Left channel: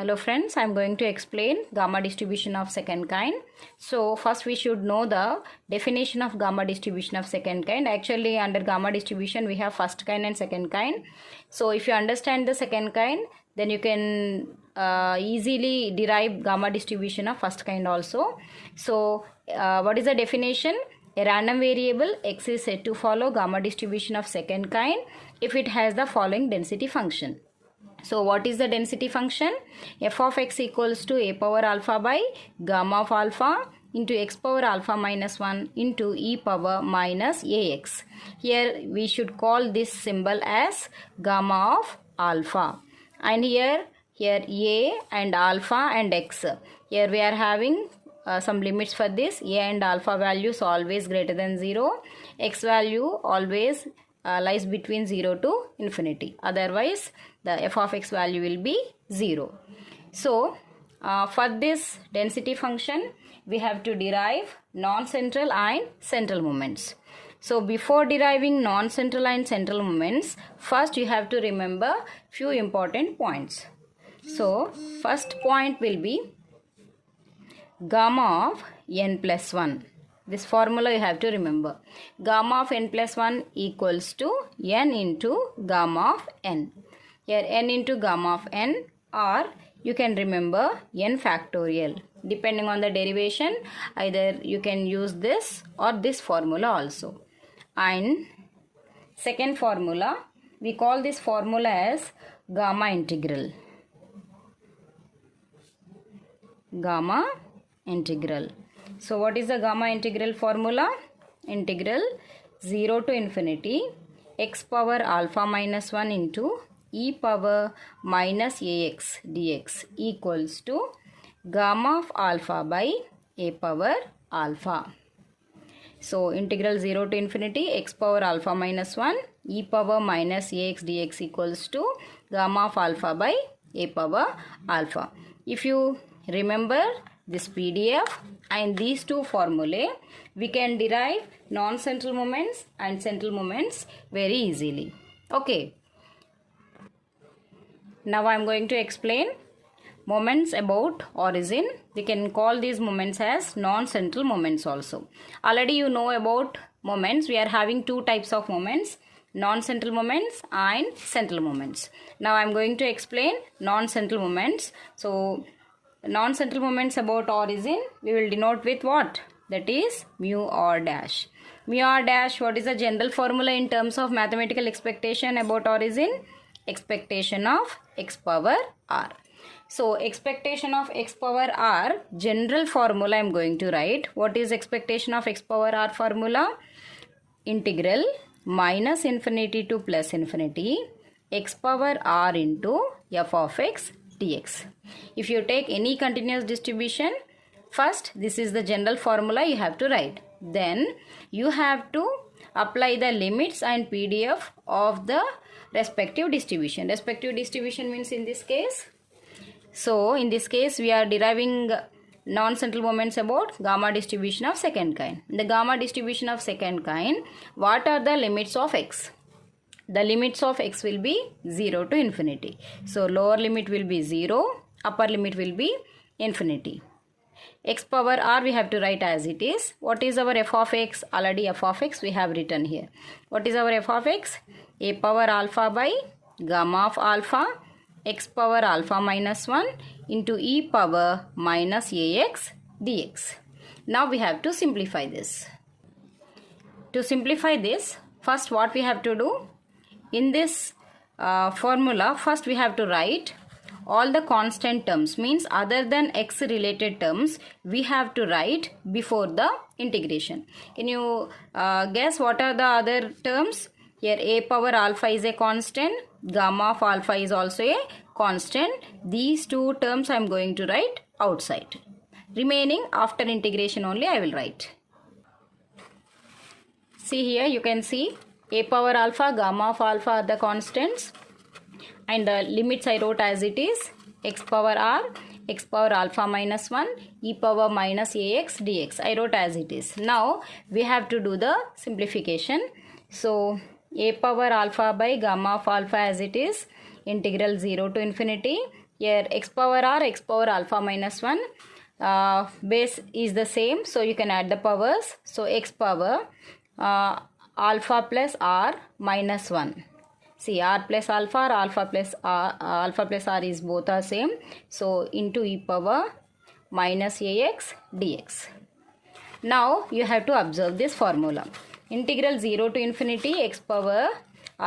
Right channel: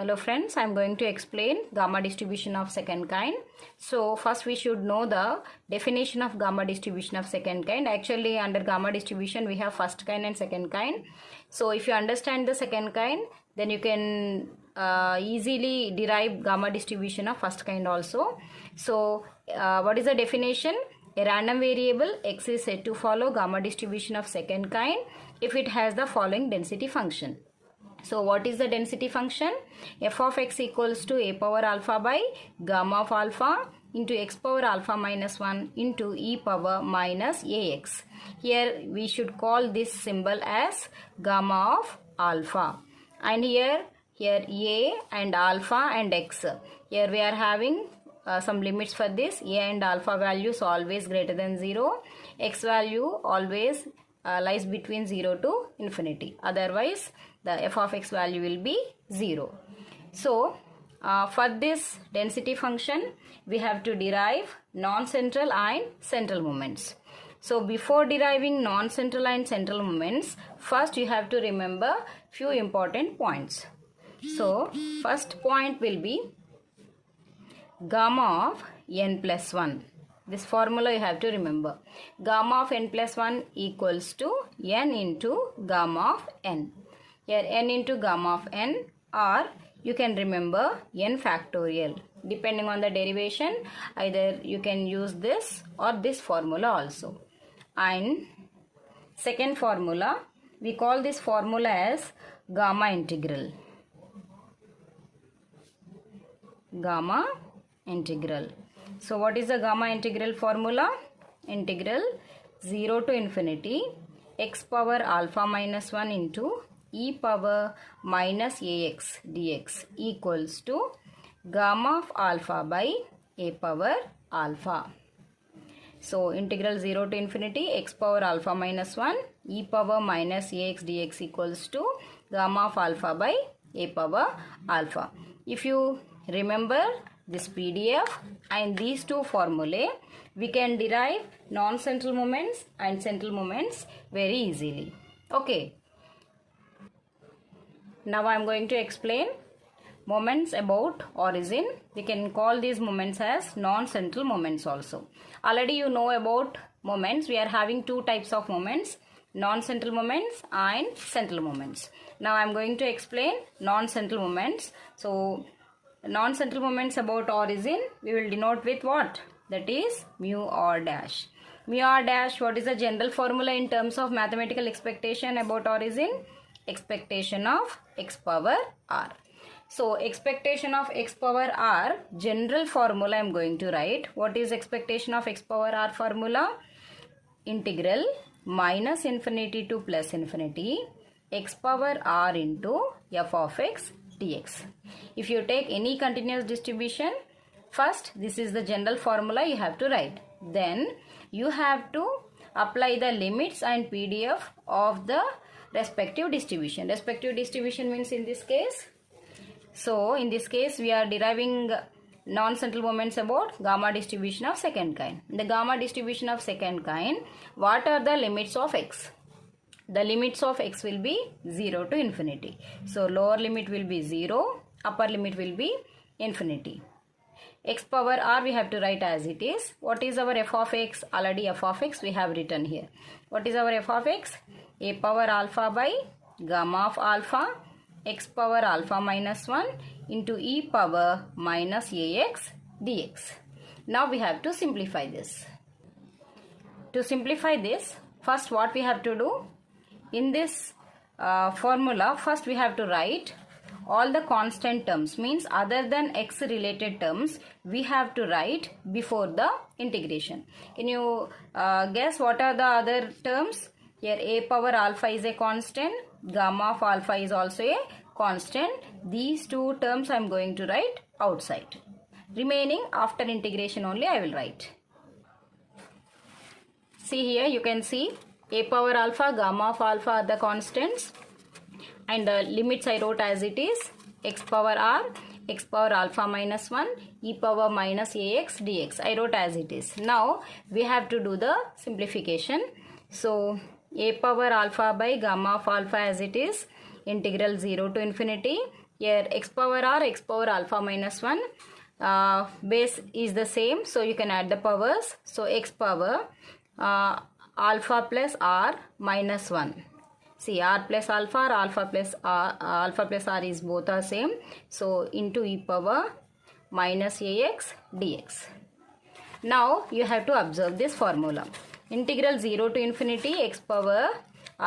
Hello friends, I am going to explain gamma distribution of second kind. So first we should know the definition of gamma distribution of second kind. Actually under gamma distribution we have first kind and second kind. So if you understand the second kind, then you can easily derive gamma distribution of first kind also. So what is the definition? A random variable x is said to follow gamma distribution of second kind if it has the following density function. So what is the density function? F of x equals to a power alpha by gamma of alpha into x power alpha minus 1 into e power minus ax. Here we should call this symbol as gamma of alpha. And here a and alpha and x. Here we are having some limits for this. A and alpha values always greater than 0. X value always lies between 0 to infinity. Otherwise, the f of x value will be 0. So, for this density function, we have to derive non-central and central moments. So, before deriving non-central and central moments, first you have to remember few important points. So, first point will be gamma of n plus 1. This formula you have to remember. Gamma of n plus 1 equals to n into gamma of n. Here n into gamma of n, or you can remember n factorial. Depending on the derivation, either you can use this or this formula also. And second formula, we call this formula as gamma integral. Gamma integral. So what is the gamma integral formula? Integral 0 to infinity x power alpha minus 1 into e power minus ax dx equals to gamma of alpha by a power alpha. So integral 0 to infinity x power alpha minus 1 e power minus ax dx equals to gamma of alpha by a power alpha. If you remember this PDF and these two formulae, we can derive non-central moments and central moments very easily. Okay. Now I am going to explain moments about origin. We can call these moments as non-central moments also. Already you know about moments. We are having two types of moments, non-central moments and central moments. Now I am going to explain non-central moments. So non-central moments about origin we will denote with what? That is mu r dash. Mu r dash, what is the general formula in terms of mathematical expectation about origin? Expectation of x power r. So expectation of x power r, general formula I am going to write. What is expectation of x power r formula? Integral minus infinity to plus infinity x power r into f of x dx. If you take any continuous distribution, first this is the general formula you have to write. Then you have to apply the limits and PDF of the respective distribution. Respective distribution means in this case. So in this case we are deriving non-central moments about gamma distribution of second kind. The gamma distribution of second kind, what are the limits of x? The limits of x will be 0 to infinity. So lower limit will be 0, upper limit will be infinity. X power r we have to write as it is. What is our f of x? Already f of x we have written here. What is our f of x? A power alpha by gamma of alpha x power alpha minus 1 into e power minus ax dx. Now we have to simplify this. To simplify this, first what we have to do? In this formula, first we have to write all the constant terms, means other than x related terms we have to write before the integration. Can you guess what are the other terms? Here a power alpha is a constant, gamma of alpha is also a constant. These two terms I am going to write outside. Remaining after integration only I will write. See here you can see a power alpha, gamma of alpha are the constants and the limits I wrote as it is x power r, x power alpha minus 1, e power minus ax dx. I wrote as it is. Now we have to do the simplification. So a power alpha by gamma of alpha as it is, integral 0 to infinity Here x power r, x power alpha minus 1, base is the same, so you can add the powers. So x power alpha plus r minus 1. See, r plus alpha or alpha plus r is both are same. So into e power minus ax dx. Now you have to observe this formula. Integral 0 to infinity x power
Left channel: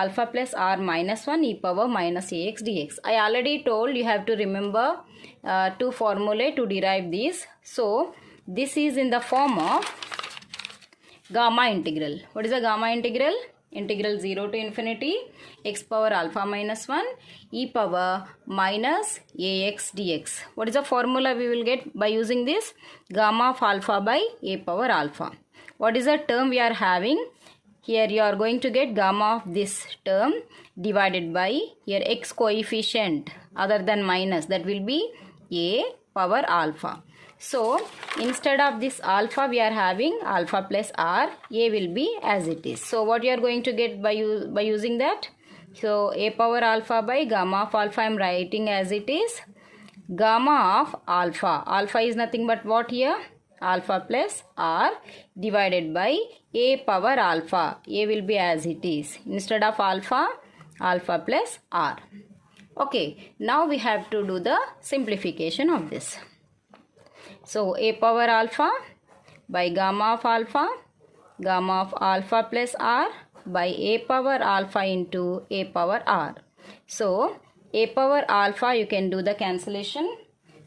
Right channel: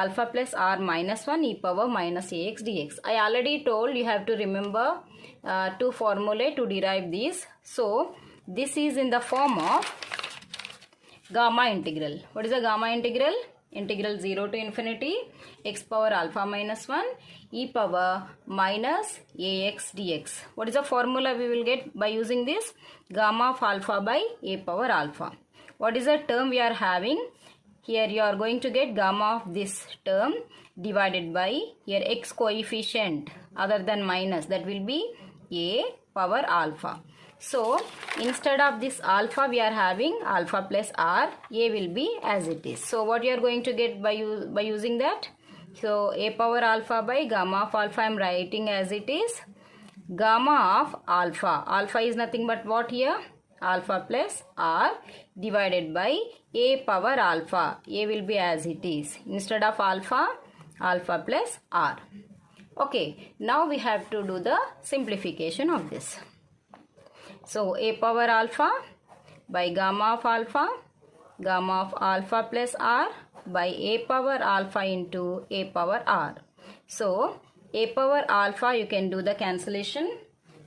alpha plus r minus 1 e power minus ax dx. I already told you have to remember two formulae to derive this. So this is in the form of gamma integral. What is the gamma integral? Integral 0 to infinity x power alpha minus 1 e power minus ax dx. What is the formula we will get by using this? Gamma of alpha by a power alpha. What is the term we are having? Here you are going to get gamma of this term divided by your x coefficient other than minus, that will be a power alpha. So instead of this alpha we are having alpha plus r, a will be as it is. So what you are going to get by using that? So a power alpha by gamma of alpha I am writing as it is. Gamma of alpha, alpha is nothing but what here? Alpha plus r divided by a power alpha, a will be as it is. Instead of alpha, alpha plus r. Okay, now we have to do the simplification of this. So a power alpha by gamma of alpha plus r by a power alpha into a power r. So a power alpha you can do the cancellation.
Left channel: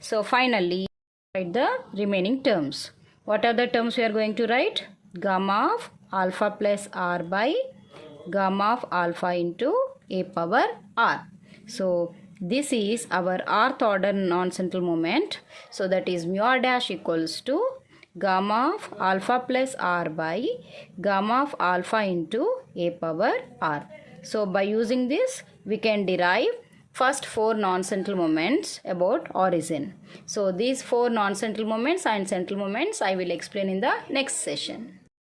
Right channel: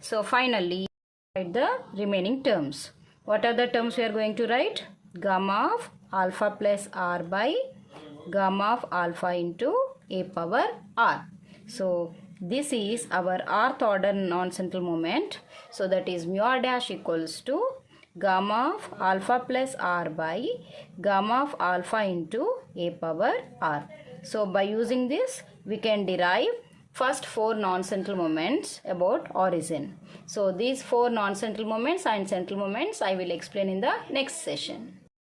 So finally write the remaining terms. What are the terms we are going to write? Gamma of alpha plus r by gamma of alpha into a power r. So this is our rth order non-central moment. So that is mu r dash equals to gamma of alpha plus r by gamma of alpha into a power r. So by using this we can derive first 4 non-central moments about origin. So these 4 non-central moments and central moments I will explain in the next session.